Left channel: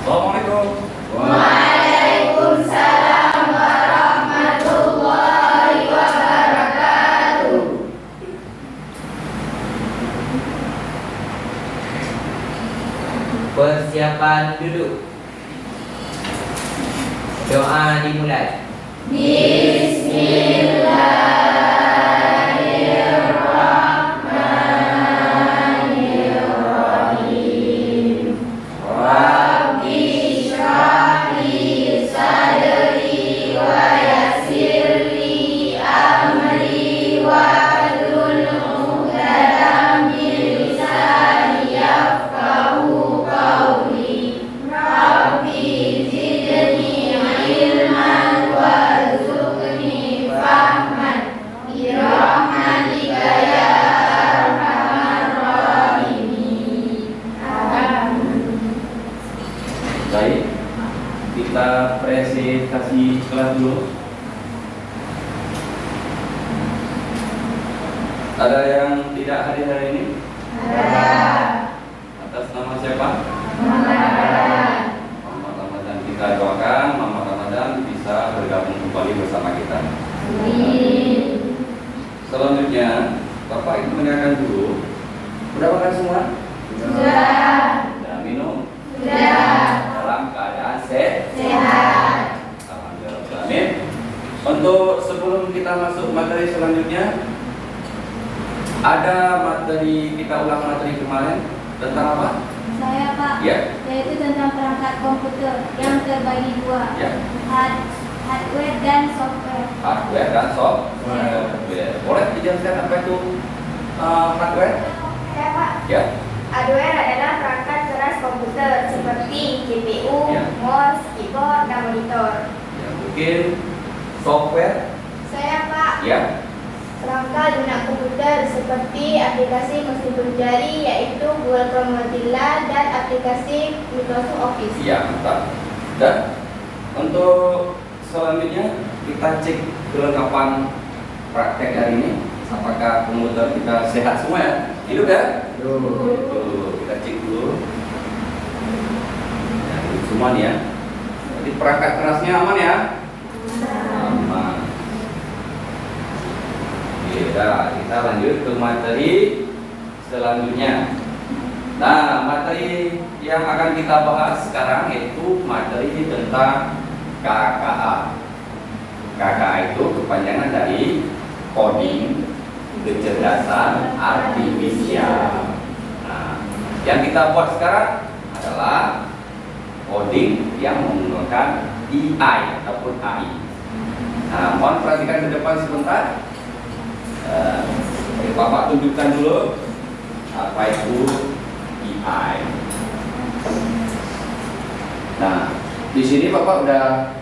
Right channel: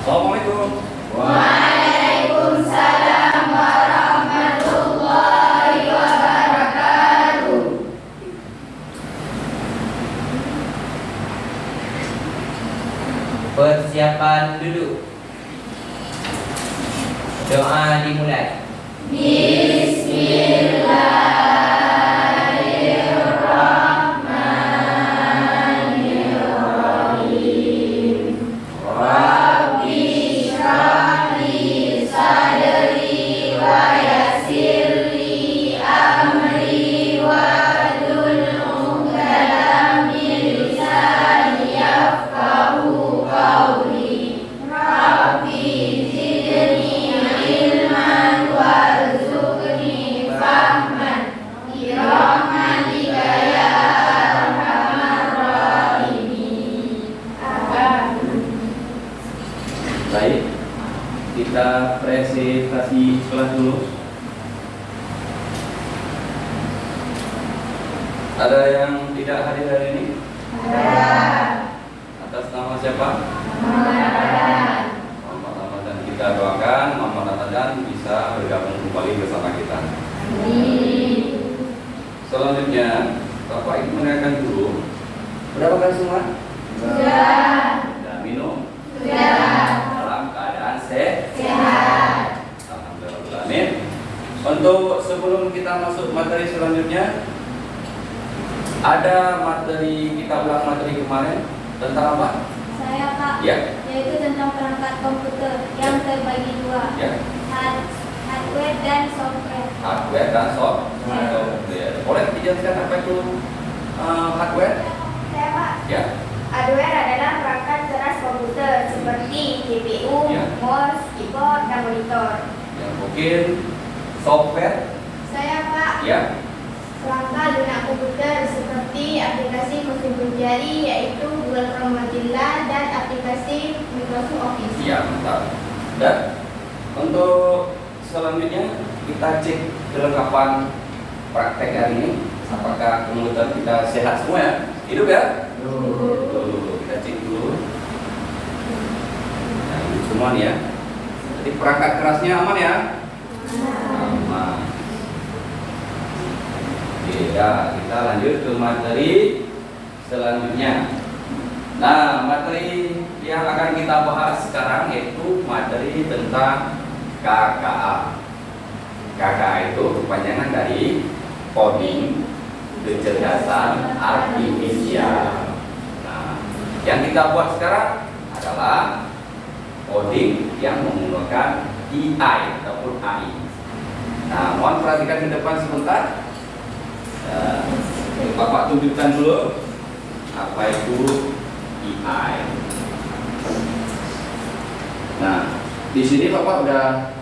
Assalamualaikum. Waalaikumsalam warahmatullahi wabarakatuh. Persiapan duduk. Doa dimulai. Bismillahirrahmanirrahim. Rabbi shrah li sadri wa yassir li amri wahlul 'uqdatam min lisani yafqahu qawli. Rabbi zidni ilman warzuqni fahman birahmatika ya arhamar rahimin. Baik, kita presentasi kelas dulu. Ada yang tidak hadir hari ini? Atas nama siapa? Muhammad Ramadan. Kita doakan Muhammad Ramadan bisa bergabung kembali bersama kita. Selanjutnya, Bapak Ibu mendengarkan dulu. Sudah makan semua? Sudah minum? Dalam keadaan sehat. Alhamdulillah. Untuk sebelum kita masuk materi selanjutnya, ada materi, kita ulang materi kemarin tentang apa? Saya Pak, Ya. yaitu tentang perangkat komputer yang terbagi dua, Ya, hardware dan software. hardware dan software. Boleh dijelaskan apa itu hardware? Saya Pak, Ya, hardware adalah perangkat keras komputer seperti CPU, Ya. mouse, keyboard, dan monitor. ya mungkin software. Saya Pak, Ya, perangkat lunak komputer seperti aplikasi mesin jari yaitu Google Chrome Mozilla dan aplikasi Microsoft Office. ya mantap. Dan untuk selanjutnya kita cek kelengkapan praktek hari ini. Apakah komputer kita sehat semua ya? Hidup ya? Tuh, kita cek dulu. Nah, ini semua nih ya. Jadi perangkat kerasnya aman ya? Aman. Ya, kita lanjut ke materi selanjutnya. Nah, materi yang akan kita bahas sekarang yaitu materi tentang KKA. KKA itu kepanjangan dari coding kecerdasan artifisial. Nah, yang kita buat sekarang adalah coding yang menggunakan AI ataupun AI. Nah, mohon perhatikan ke depan sebentar. Bapak tunjukkan dulu apa itu AI. Nah, di sini Bapak udah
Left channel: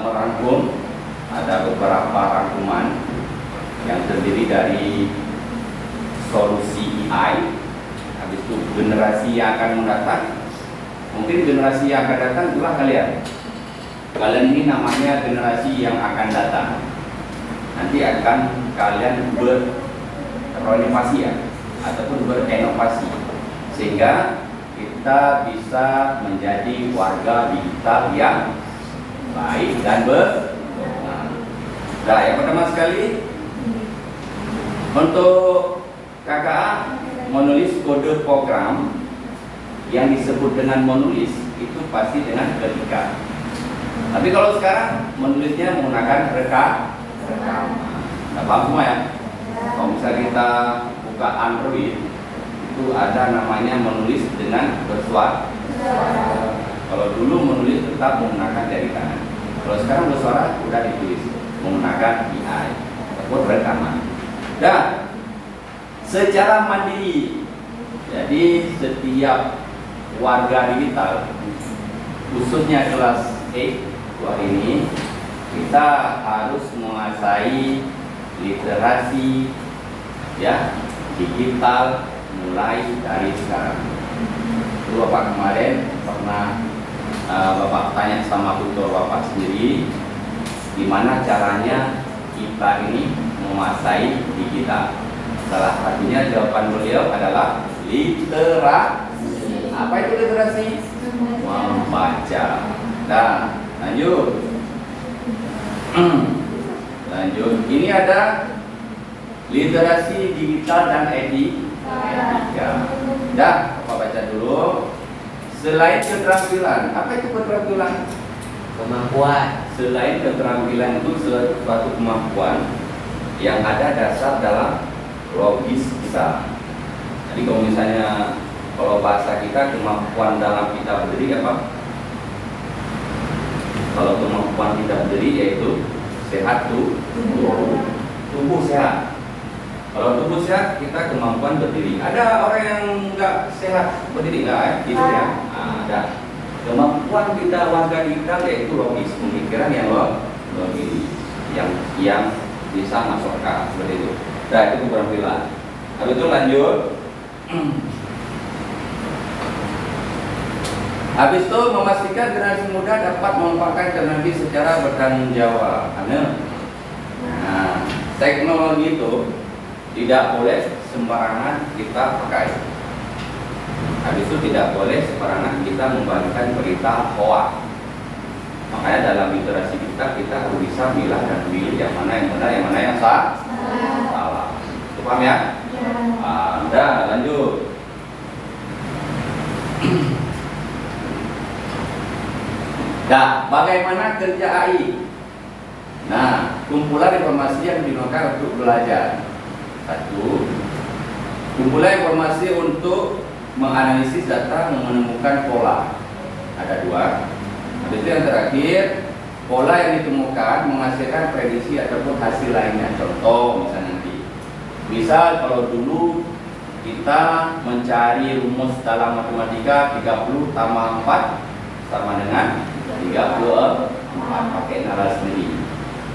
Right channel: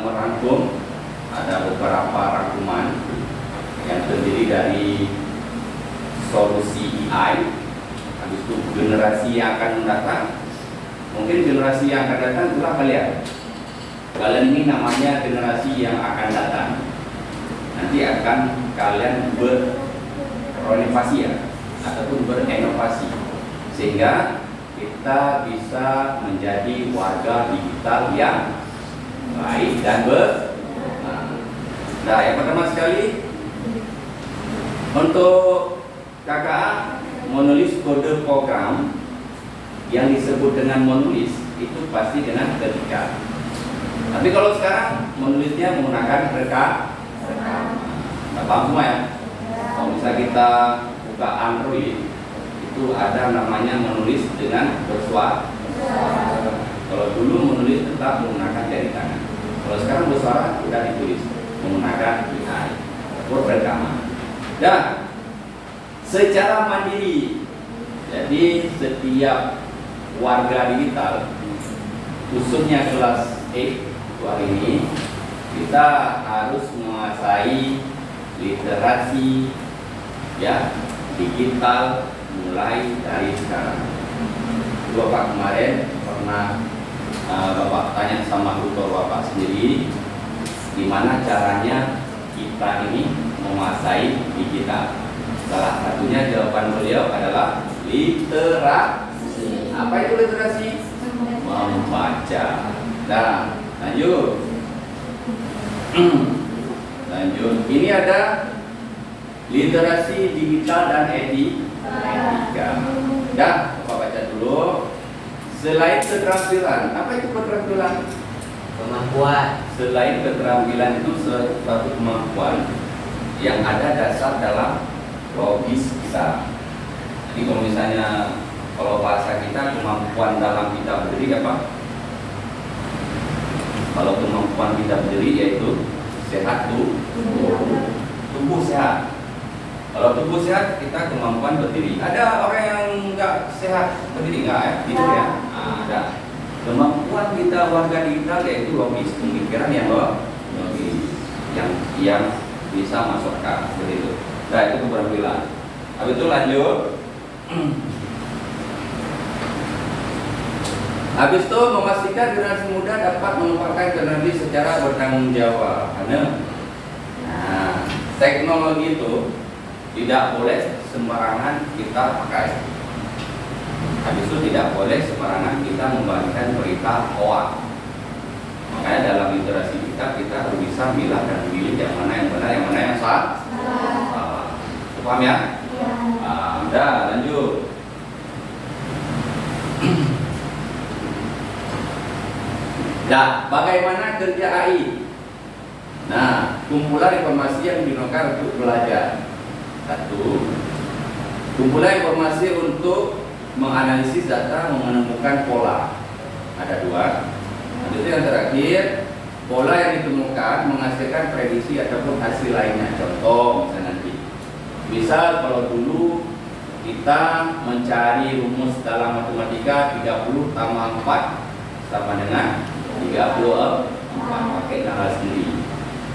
merangkum, ada beberapa rangkuman yang terdiri dari solusi AI, habis itu generasi yang akan mendatang. Mungkin generasi yang akan datang itulah kalian. Kalian ini namanya generasi yang akan datang. Nanti akan kalian berinovasi ya, ataupun berinovasi sehingga kita bisa menjadi warga digital yang baik dan berguna. Nah, yang pertama sekali untuk KKA menulis kode program yang disebut dengan menulis itu pasti dengan ketika. Tapi kalau sekarang menulisnya menggunakan rekaman. Paham semua ya? Kalau misalnya kita buka Android itu ada namanya menulis dengan bersuara. Kalau dulu menulis tetap menggunakan jari tangan. Kalau sekarang bersuara sudah ditulis menggunakan AI ataupun rekaman. Dan secara mandiri, jadi setiap warga digital, khususnya kelas E hari ini, kita harus menguasai literasi ya digital mulai dari sekarang. Bapak kemarin pernah Bapak tanya sama tutor Bapak sendiri, gimana caranya kita ini menguasai digital. Salah satunya jawaban beliau adalah literasi. Apa itu literasi? membaca. Nah, lanjut. Lanjut. Ini ada literasi digital dan etika. Dah, Bapak baca dulu. Selain keterampilan, apa itu keterampilan? Kemampuan. Selain keterampilan itu suatu kemampuan yang ada dasar dalam logis kita. Jadi kalau misalnya kalau bahasa kita kemampuan dalam kita berdiri apa? Kalau kemampuan kita berdiri yaitu sehat tubuh sehat. Kalau tubuh sehat kita kemampuan berdiri. Ada orang yang enggak sehat berdiri enggak gitu ya? Nah, ada. Kemampuan kita warga digital yaitu logis, pemikiran yang logis, yang bisa masuk akal seperti itu. Nah itu keterampilan. Habis itu lanjut. Habis itu memastikan generasi muda dapat memanfaatkan teknologi secara bertanggung jawab. Nah, teknologi itu tidak boleh sembarangan kita pakai. Habis itu tidak boleh sembarangan kita membagikan berita hoax. Makanya dalam literasi kita harus bisa milah dan memilih yang mana yang benar, yang mana yang salah. Paham ya? Udah lanjut. Nah, bagaimana kerja AI? Nah, kumpulan informasi yang digunakan untuk belajar. Satu, kumpulan informasi untuk menganalisis data, menemukan pola. Ada dua. Habis itu yang terakhir, pola yang ditemukan menghasilkan prediksi ataupun hasil lainnya. Contoh misalnya nanti. Misal kalau dulu kita mencari rumus dalam matematika 30 tambah 4 sama dengan 34 pakai nalar sendiri.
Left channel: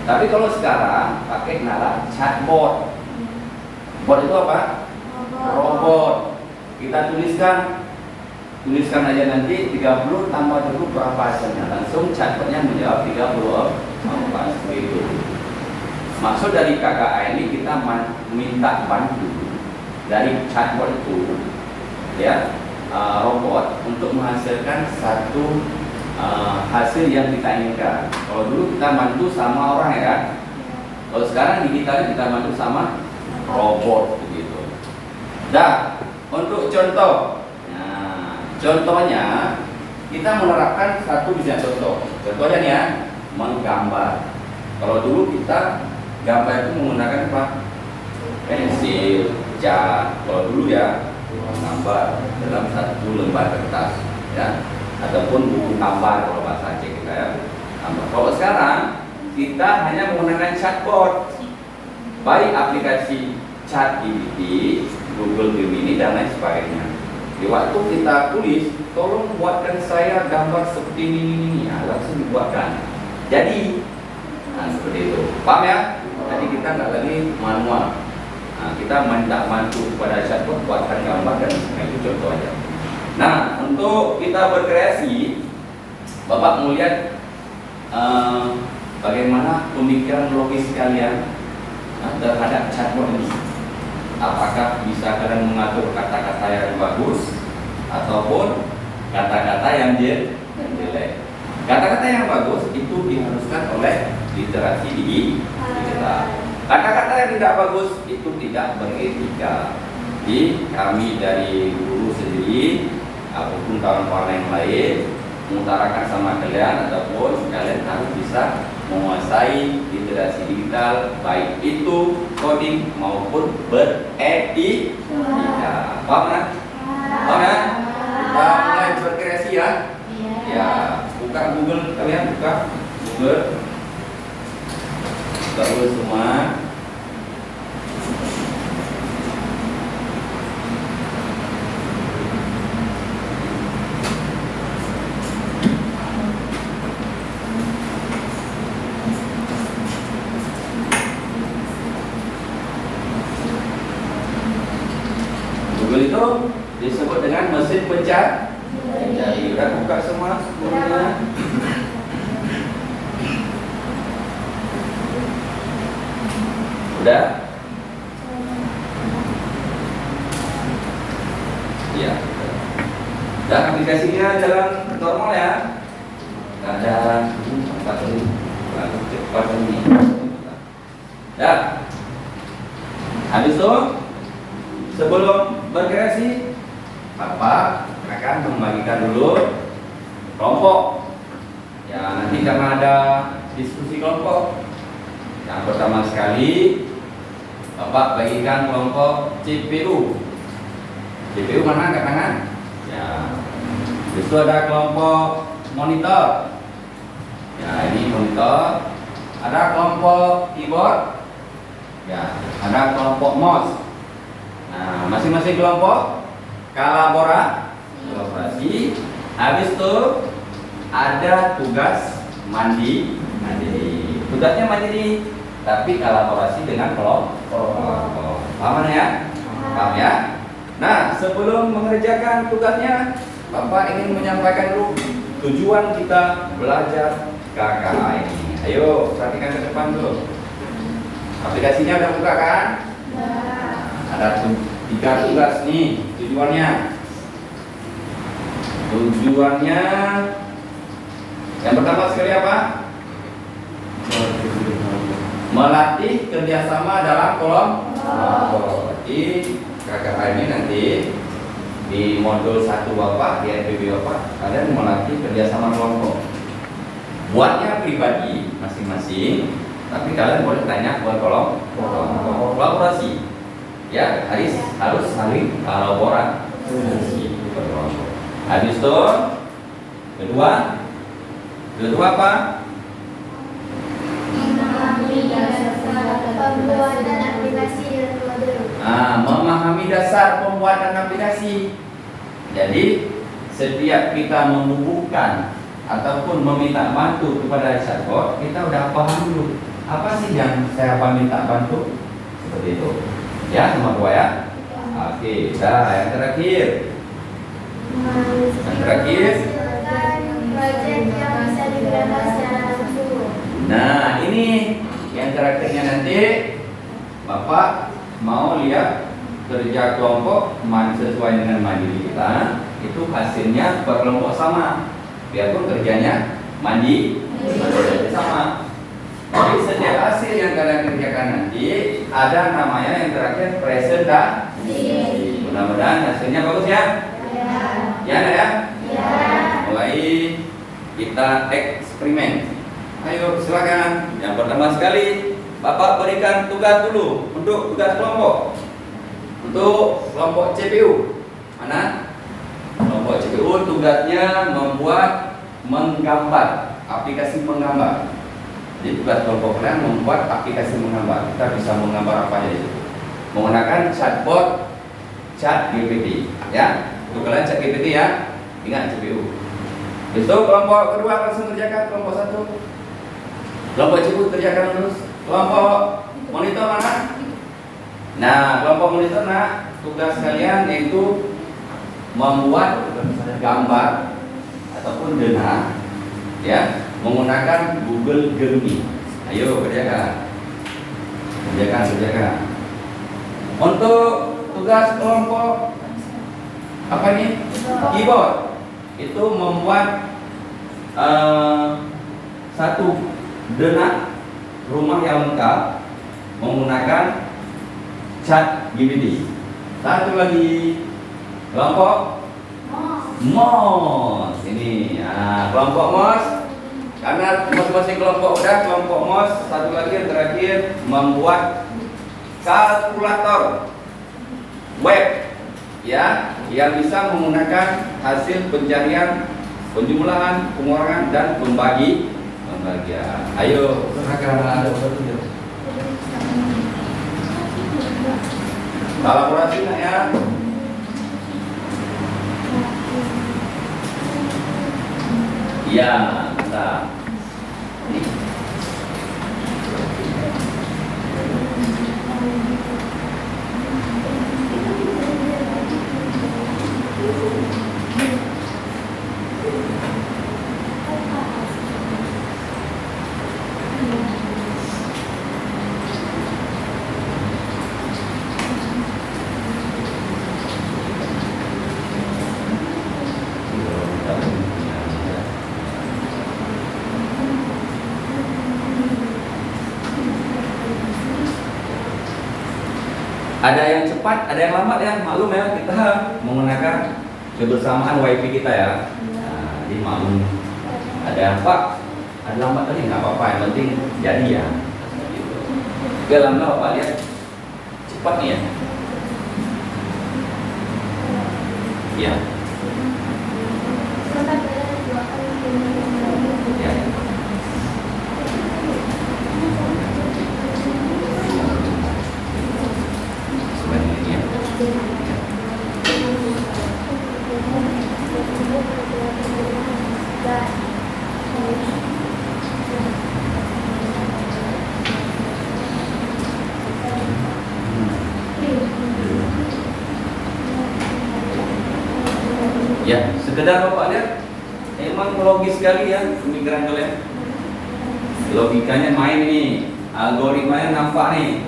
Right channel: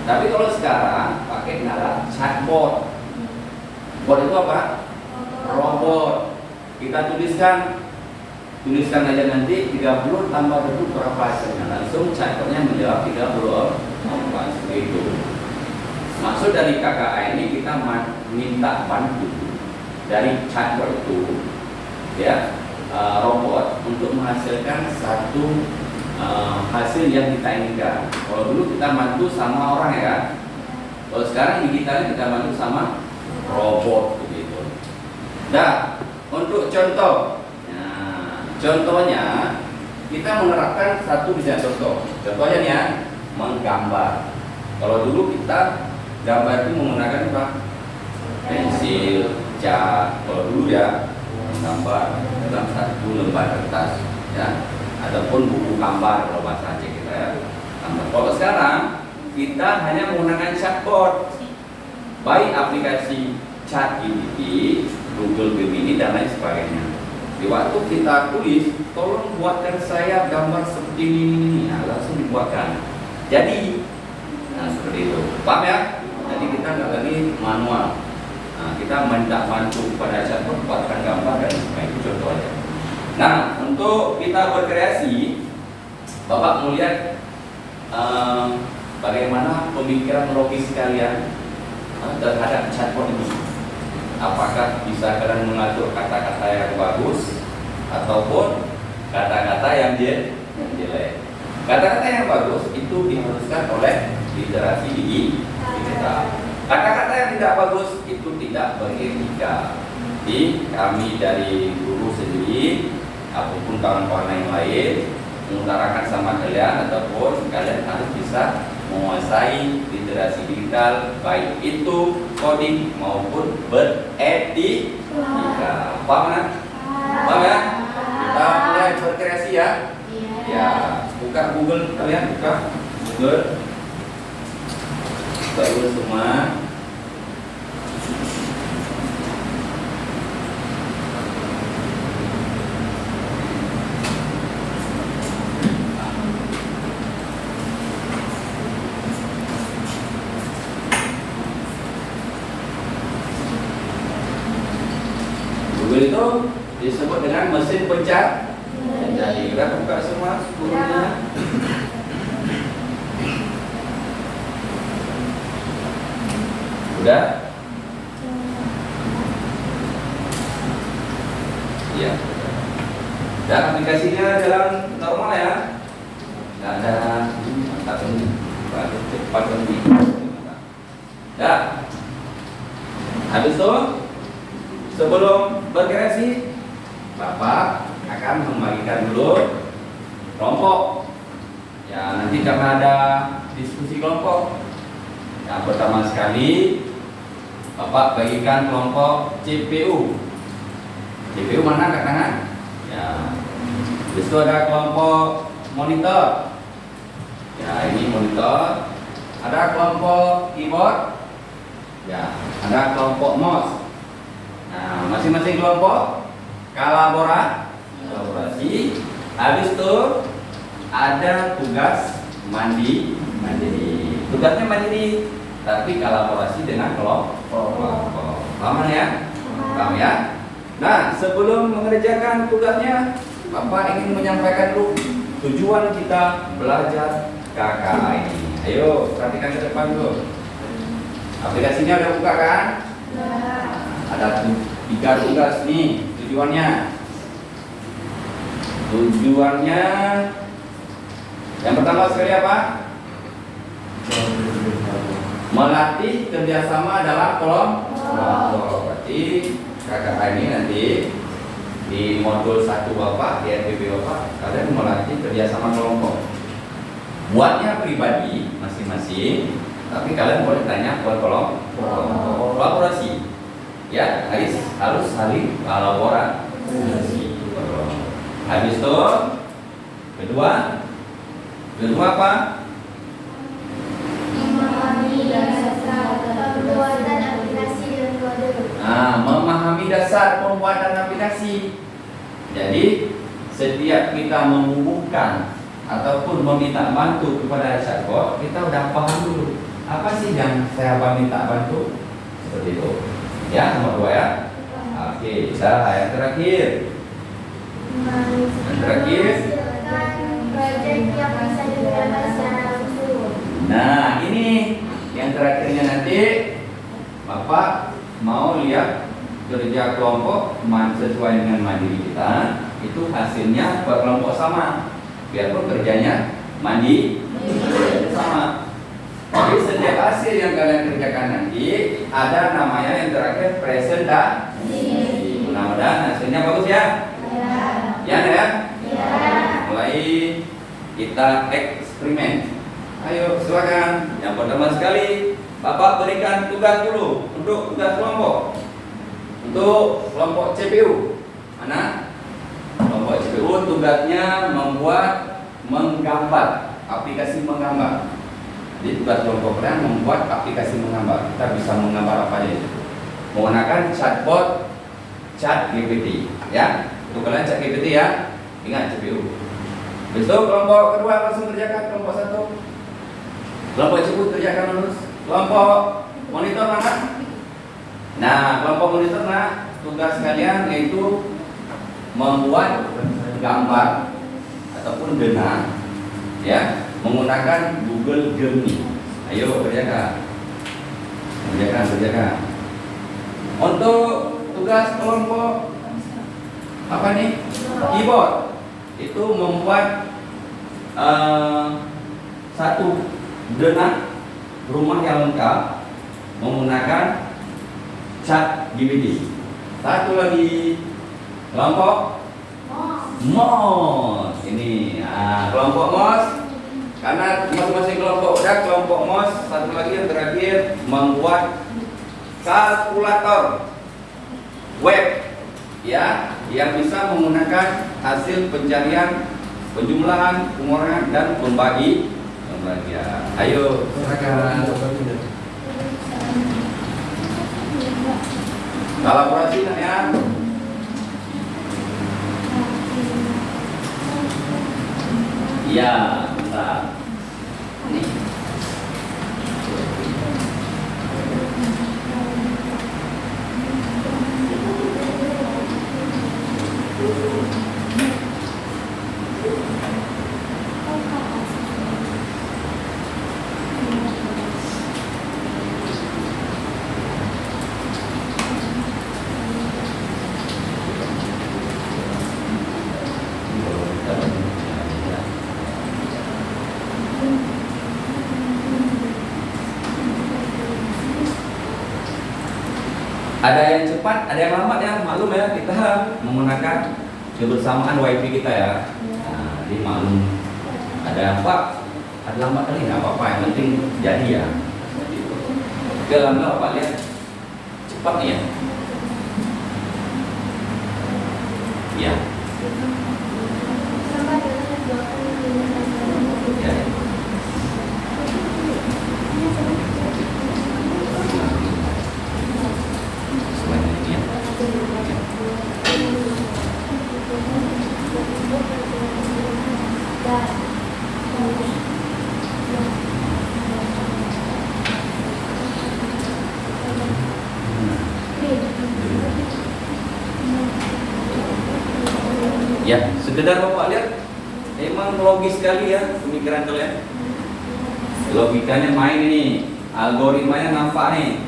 Tapi kalau sekarang pakai nalar chatbot. Bot itu apa? Robot. Kita tuliskan aja nanti 30 tambah 20 berapa hasilnya. Langsung chatbotnya menjawab 34 seperti itu. Maksud dari KKA ini kita minta bantu dari chatbot itu, ya, robot untuk menghasilkan satu hasil yang kita inginkan. Kalau dulu kita bantu sama orang ya, kalau sekarang digitalnya kita bantu sama robot begitu. Nah, untuk contoh, nah, contohnya kita menerapkan satu bisa contoh. Contohnya nih ya, menggambar. Kalau dulu kita gambar itu menggunakan apa? Pensil, cat. Kalau dulu ya, menggambar dalam satu lembar kertas, ya, ataupun buku gambar kalau bahasa Aceh kita ya. Kalau sekarang kita hanya menggunakan chatbot, baik aplikasi ChatGPT, Google Gemini dan lain sebagainya. Di waktu kita tulis, tolong buatkan saya gambar seperti ini, nah, langsung dibuatkan. Jadi, nah seperti itu. Paham ya? Jadi kita nggak lagi manual. Nah, kita minta bantu kepada chatbot buatkan gambar dan itu contoh aja. Nah, untuk kita berkreasi, Bapak melihat bagaimana pemikiran logis kalian terhadap chatbot ini. Apakah bisa kalian mengatur kata-kata yang bagus ataupun kata-kata yang jelek? Kata-kata yang bagus itu diharuskan oleh literasi digital. Kata-kata yang tidak bagus itu tidak beretika. Jadi kami dari guru sendiri ataupun kawan-kawan yang lain mengutarakan sama kalian ataupun kalian harus bisa menguasai literasi digital, baik itu coding maupun beretika. Paham kan? Paham ya? Kita mulai berkreasi ya. Ya, buka Google kalian, buka Google. Baru semua. Google itu disebut dengan mesin pencari. Udah buka semua Google-nya. Udah? Iya. Dan aplikasinya jalan ada mata ini baru cepat ini. Ya. Habis itu sebelum berkreasi, Bapak akan membagikan dulu kelompok. Ya, nanti karena ada diskusi kelompok. Yang pertama sekali, Bapak bagikan kelompok CPU. CPU mana angkat tangan? Ya. Itu ada kelompok monitor. Ya, ini monitor. Ada kelompok keyboard. Ya, ada kelompok mouse. Nah, masing-masing kelompok kolaborasi. Habis itu ada tugas mandiri. Tugasnya mandiri, tapi kolaborasi dengan kelompok. Paham ya? Paham ya? Nah, sebelum mengerjakan tugasnya, Bapak ingin menyampaikan dulu tujuan kita belajar KKA ini. Ayo, perhatikan ke depan dulu. Aplikasinya ada buka kan? Ada 3 tugas nih tujuannya. Tujuannya yang pertama sekali apa? Melatih kerjasama dalam kelompok. Berarti KKA ini nanti di modul 1 Bapak, di NPB Bapak, kalian melatih kerjasama kelompok. Buatnya pribadi masing-masing, tapi kalian boleh tanya buat kolaborasi. Ya, harus saling kolaborasi. Habis itu kedua apa? Pembuatan aplikasi dan kode. Memahami dasar pembuatan aplikasi. Jadi setiap kita menghubungkan ataupun meminta bantu kepada chatbot, kita udah paham dulu apa sih yang saya minta bantu, seperti itu. Ya, nomor 2 ya. Oke, yang terakhir. Proyek yang bisa digerakkan secara langsung. Nah, ini yang terakhirnya nanti Bapak mau lihat kerja kelompok sesuai dengan mandiri kita, itu hasilnya berkelompok sama. Biarpun kerjanya sama. Jadi setiap hasil yang kalian kerjakan nanti ada namanya yang terakhir presentasi. Mudah-mudahan hasilnya bagus ya. Ya, ya. Mulai kita eksperimen. Ayo silakan. Yang pertama sekali Bapak berikan tugas dulu untuk tugas kelompok. Untuk kelompok CPU. Mana? Kelompok CPU tugasnya menggambar, aplikasi menggambar. Jadi tugas kelompok kalian membuat aplikasi menggambar. Kita bisa menggambar apa aja itu. Menggunakan chatbot ChatGPT, ya. Untuk kalian ChatGPT ya. Ingat CPU. Besok kelompok kedua langsung kerjakan kelompok 1. Kelompok CPU kerjakan terus. Kelompok monitor mana? Nah, kelompok monitor tugas kalian yaitu membuat gambar ataupun dena, ya, menggunakan Google Gemini. Ayo kerjakan. Untuk tugas kelompok apa nih? Keyboard. Itu membuat satu dena rumah yang lengkap menggunakan ChatGPT. Satu lagi kelompok mouse ini. Kelompok mouse karena masing-masing kelompok udah kelompok mouse. Satu lagi yang terakhir membuat kalkulator web, ya, yang bisa menggunakan hasil pencarian, penjumlahan, pengurangan dan pembagian. Ayo kolaborasi ya. Ya, mantap. Ada yang cepat, ada yang lambat ya. Maklum ya, kita menggunakan kebersamaan wifi kita ya. Nah, jadi maklum. Ada yang Pak, ada lambat kali nggak apa-apa, yang penting jadi ya. Oke, alhamdulillah Pak lihat cepat nih ya. Ya. Ya. Selain ini ya. Ya. Ya, sekedar Bapak lihat, emang logis sekali ya pemikiran kalian. Logikanya main ini, algoritmanya nampak nih.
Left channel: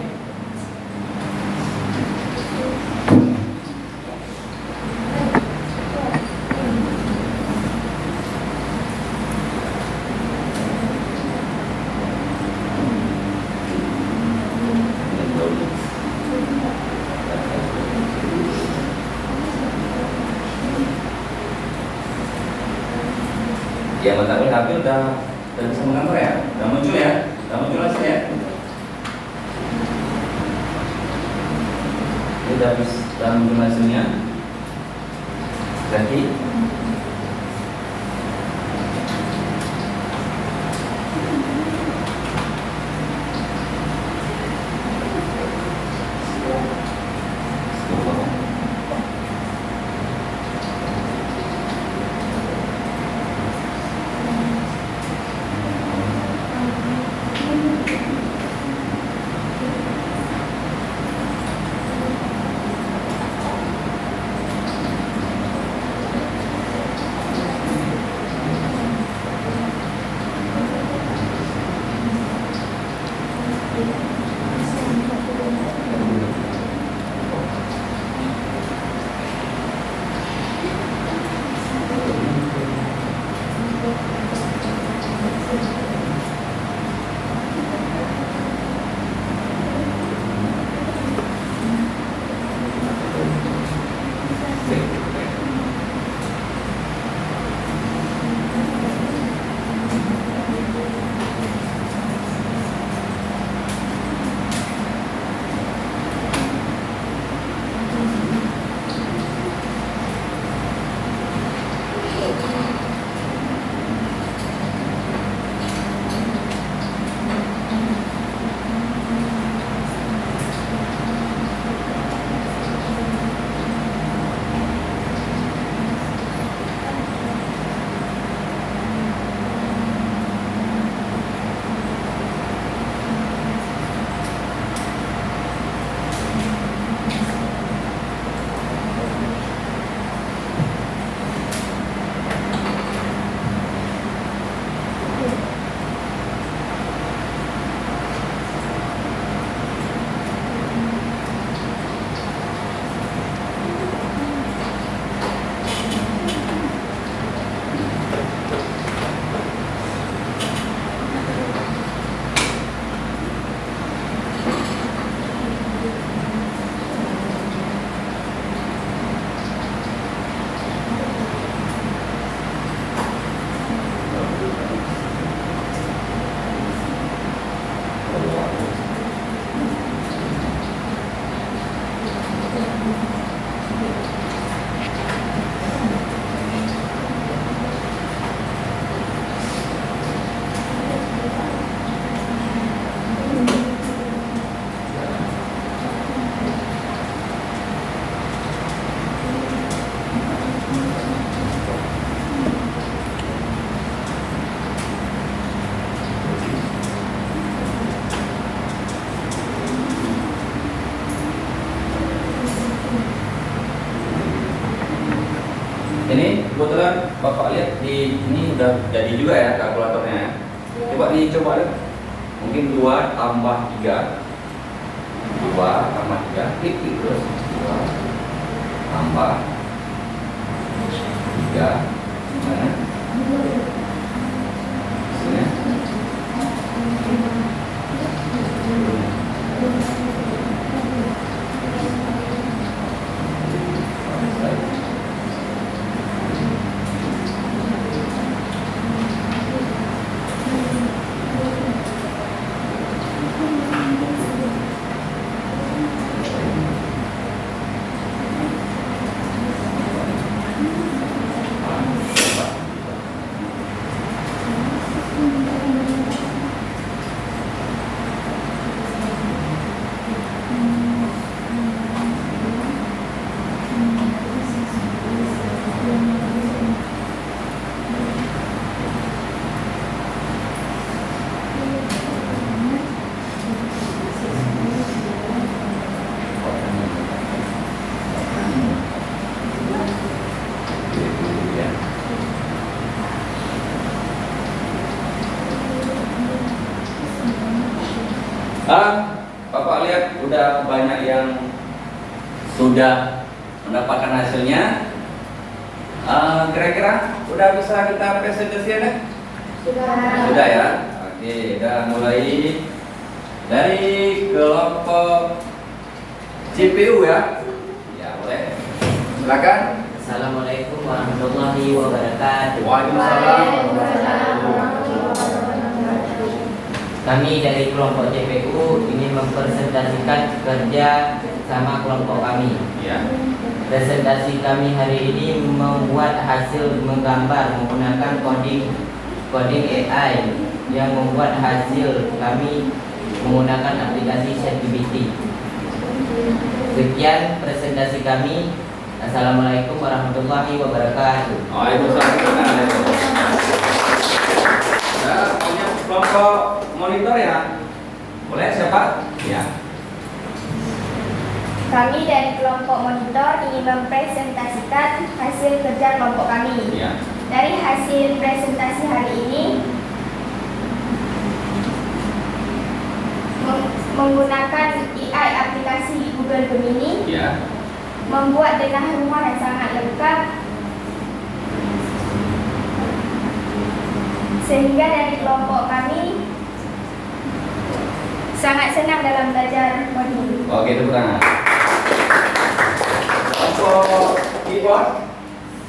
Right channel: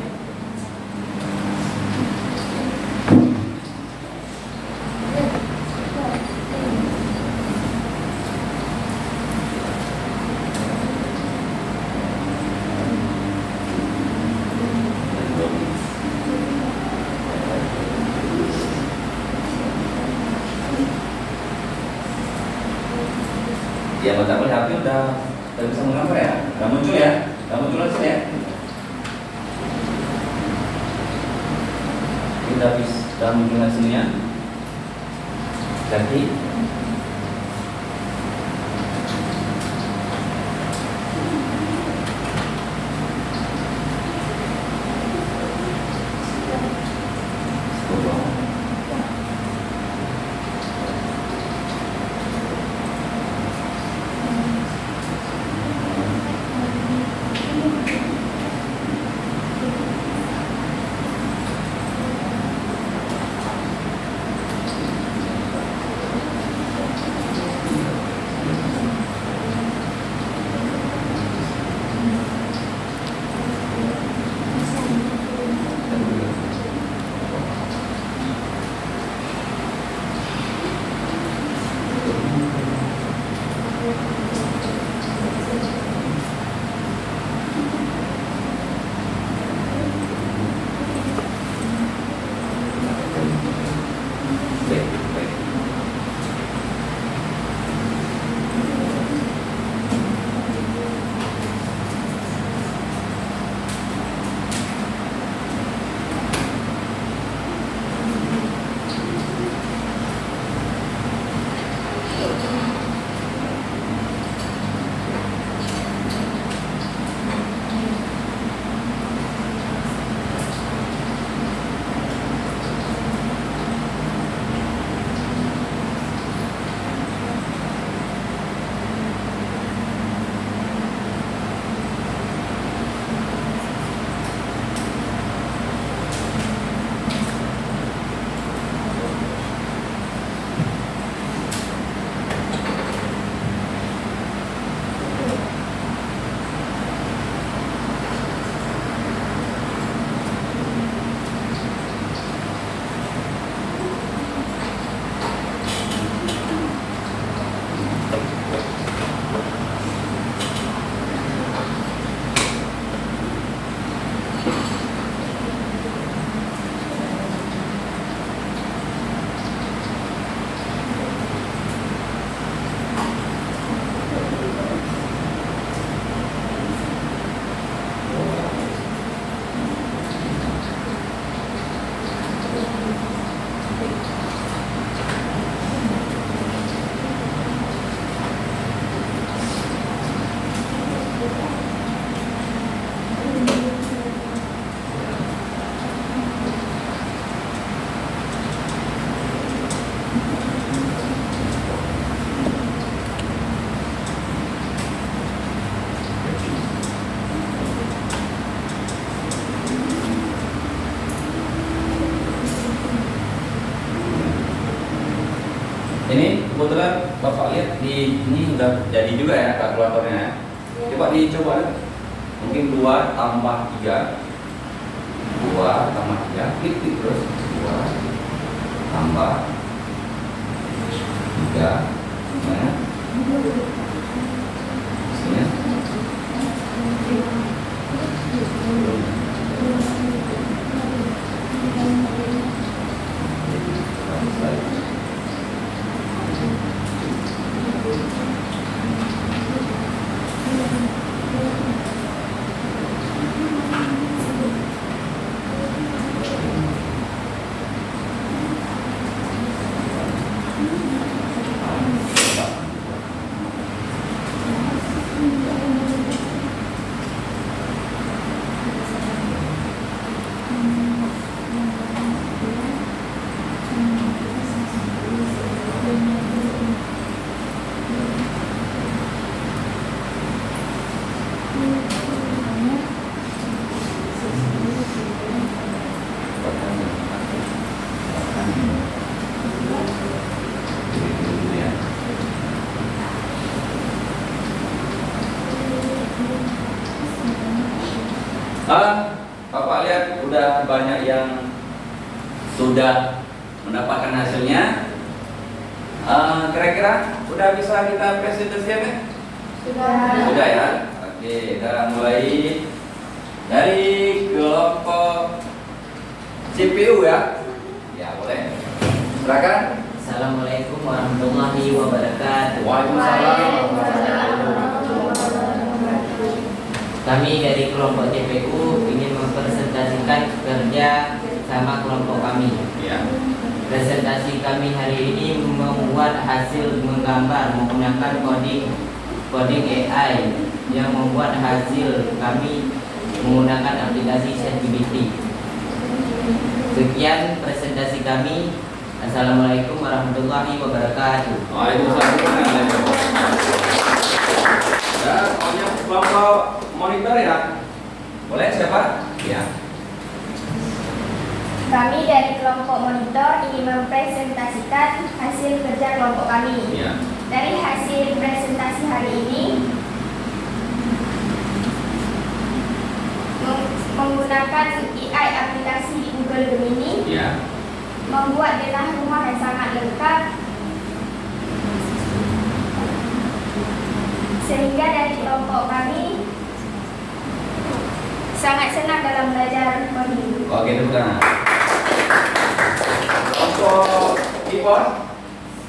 Ya, Bapak HP udah bisa menggambar ya, udah muncul ya, udah muncul langsung ya. Ini udah muncul hasilnya. Jadi ini kebetulan Bapak lihat di ini udah jadi juga ya kalkulatornya ya. Coba dicoba deh. Mungkin 2 tambah 3. 2 tambah 3, klik terus. 2 tambah 3. Mana? Sini. sudah banyak yang sudah mendapatkan hasilnya. Kira-kira sudah bisa kita presentasikan ya? Sudah ya. Oke, kita mulai dari kelompok CPU ya. Ya boleh. Silakan. Assalamualaikum warahmatullahi wabarakatuh. Waalaikumsalam. Kami dari kelompok CPU ini mempresentasikan kerja sama kelompok kami. Ya. Presentasi kami hari ini membuat hasil menggambar menggunakan coding AI yang membuat hasil kami menggunakan aplikasi ChatGPT. Sekian presentasi kami. Assalamualaikum warahmatullahi wabarakatuh. Waalaikumsalam. Ya, punya kelompok monitor ya. Boleh siapa? Ya. Kami dari kelompok monitor ingin mempresentasikan hasil kerja kelompok kami. Ya. Dari hasil presentasi hari ini, menggunakan AI aplikasi Google Gemini, Ya. membuat denah rumah yang sangat lengkap, sehingga dari kelompok kami sangat senang dalam belajar coding. Oke, tepuk tangan. Kelompok keyboard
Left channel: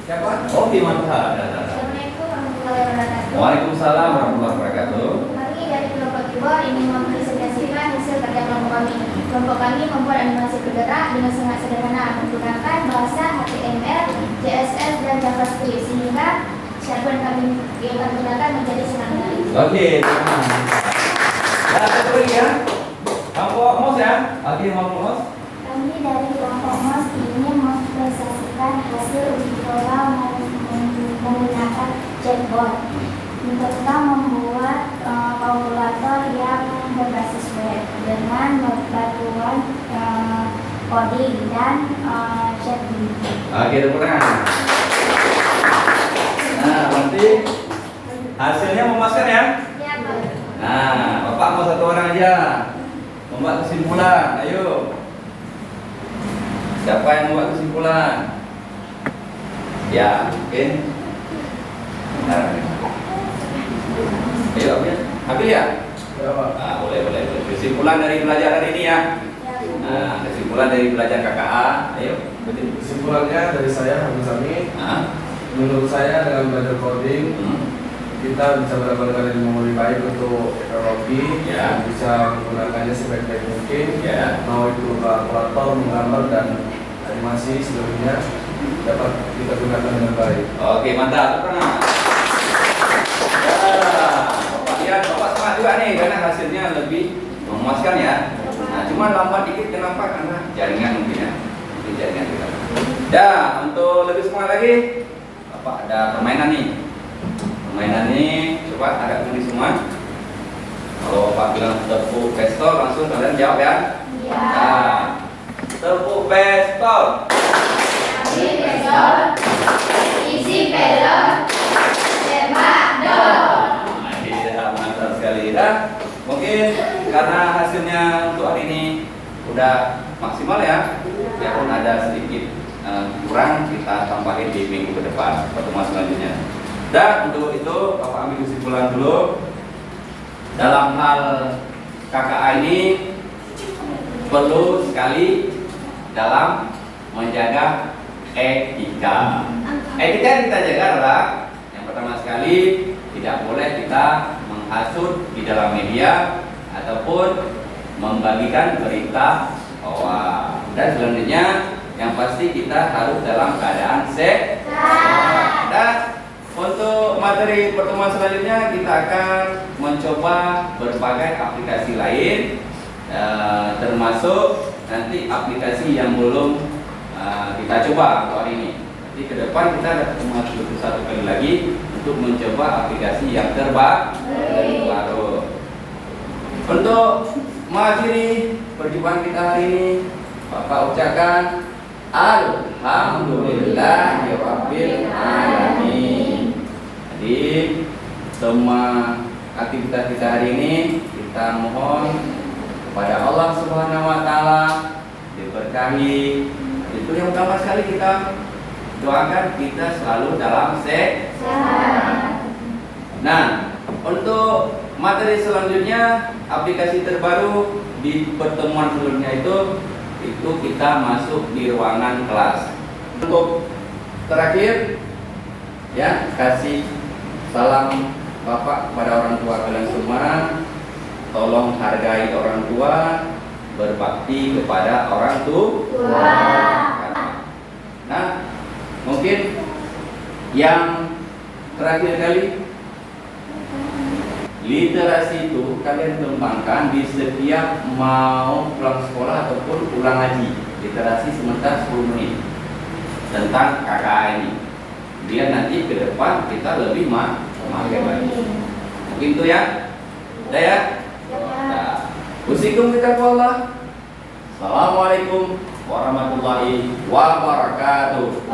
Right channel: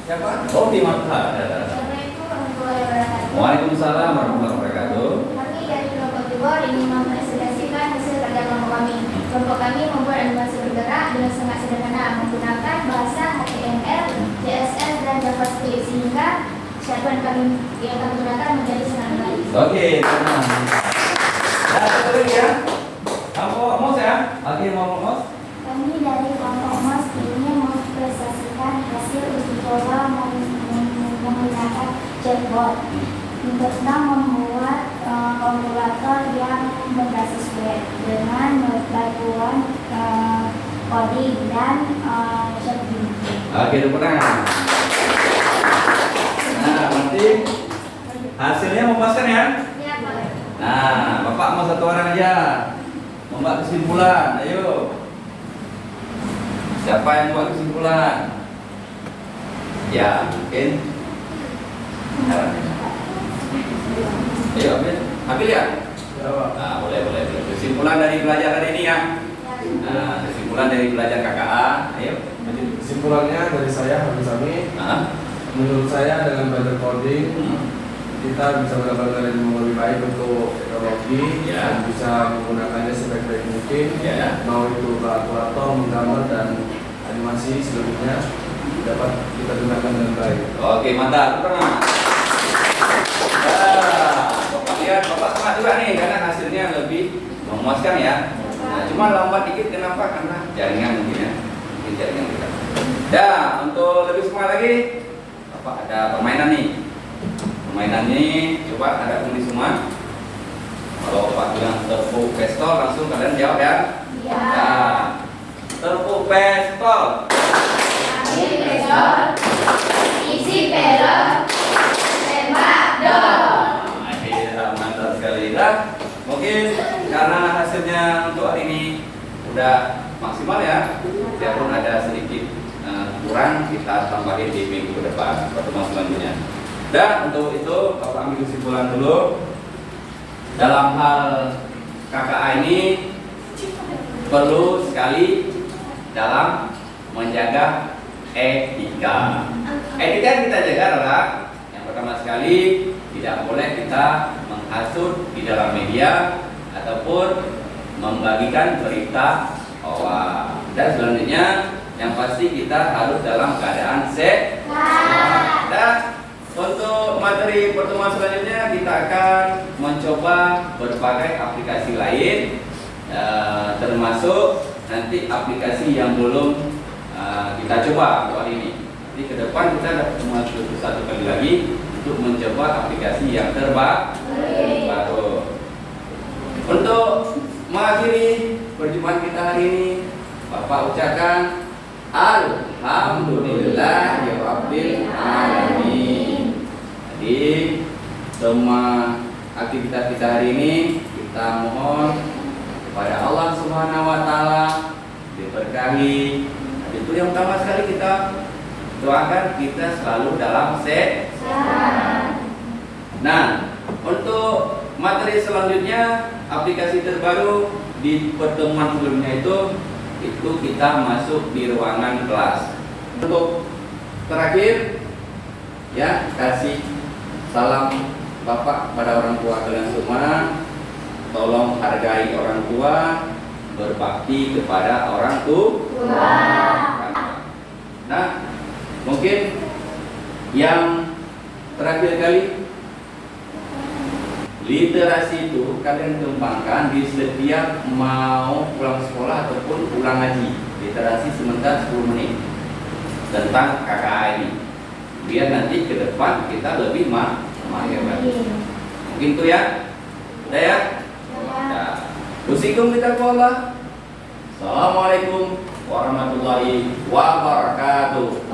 siapa? Oh, Bimantha. Assalamualaikum warahmatullahi wabarakatuh. Waalaikumsalam warahmatullahi wabarakatuh. Kami dari kelompok keyboard ingin mempresentasikan hasil kerja kelompok kami. Kelompok kami membuat animasi bergerak dengan sangat sederhana menggunakan bahasa HTML, CSS, dan JavaScript sehingga siapapun yang kami gunakan menjadi sangat menarik. Oke, teman. Ya, satu lagi ya. Kelompok MOS ya. Oke, kelompok MOS. Kami dari kelompok MOS ingin mempresentasikan hasil uji coba menggunakan chatbot. Kita membuat kalkulator yang berbasis web dengan bantuan coding dan ChatGPT. Oke, tepuk tangan. Nah, nanti hasilnya memuaskan ya. Ya, Pak. Nah, Bapak mau satu orang aja membuat kesimpulan. Ayo. Siapa yang membuat kesimpulan? Ya, mungkin. Nah. Ayo, ambil ya. Nah, boleh. Kesimpulan dari belajar hari ini ya. Nah, kesimpulan dari belajar KKA. Ayo. Kesimpulannya dari saya Hamid Sami, Nah. menurut saya dengan belajar coding kita bisa mendapatkan ilmu lebih baik untuk teknologi, Ya. dan bisa menggunakannya sebaik-baik mungkin, Ya. mau itu kalkulator, menggambar dan animasi seluruhnya dapat kita gunakan dengan baik. Oke, mantap. Tengah. Ya, Bapak lihat, Bapak semangat juga nih karena hasilnya lebih memuaskan ya. Nah, cuma lambat dikit kenapa? Karena jaringan mungkin ya. Mungkin jaringan kita. Ya, untuk lebih semangat lagi, Bapak ada permainan nih. Permainan ini coba ada tulis semua. Kalau Pak bilang tepuk pistol langsung kalian jawab ya. Iya. Nah, tepuk pistol. Isi pelor, isi pelor, tembak dor. Nah, mantap sekali. Dan mungkin karena hasilnya untuk hari ini udah maksimal ya, walaupun ada sedikit kurang kita tambahin di minggu ke depan pertemuan selanjutnya. Dan untuk itu Bapak ambil kesimpulan dulu dalam hal KKA ini perlu sekali dalam menjaga etika. Etika yang kita jaga adalah yang pertama sekali tidak boleh kita menghasut di dalam media ataupun membagikan berita hoax. Dan selanjutnya yang pasti kita harus dalam keadaan sehat. Dan untuk materi pertemuan selanjutnya kita akan mencoba berbagai aplikasi lain, termasuk nanti aplikasi yang belum kita coba untuk hari ini. Nanti ke depan kita ada pertemuan satu kali lagi untuk mencoba aplikasi yang terbaru. Untuk mengakhiri perjumpaan kita hari ini, Bapak ucapkan Alhamdulillah ya Rabbil Alamin. Jadi semua aktivitas kita hari ini kita mohon kepada Allah Subhanahu wa taala, diberkahi. Itu yang utama sekali kita doakan, kita selalu dalam sehat. Nah, untuk materi selanjutnya, aplikasi terbaru di pertemuan sebelumnya itu kita masuk di ruangan kelas. Untuk terakhir, ya, kasih salam Bapak pada orang tua kalian semua. Tolong hargai orang tua, berbakti kepada orang tua. Nah, mungkin yang terakhir kali, literasi itu kalian kembangkan di setiap mau pulang sekolah ataupun pulang ngaji. Literasi sebentar 10 menit tentang KKA ini, biar nanti ke depan kita lebih hebat. Mungkin itu ya. Udah ya. Nah, usikum bitaqwallah. Assalamualaikum warahmatullahi wabarakatuh.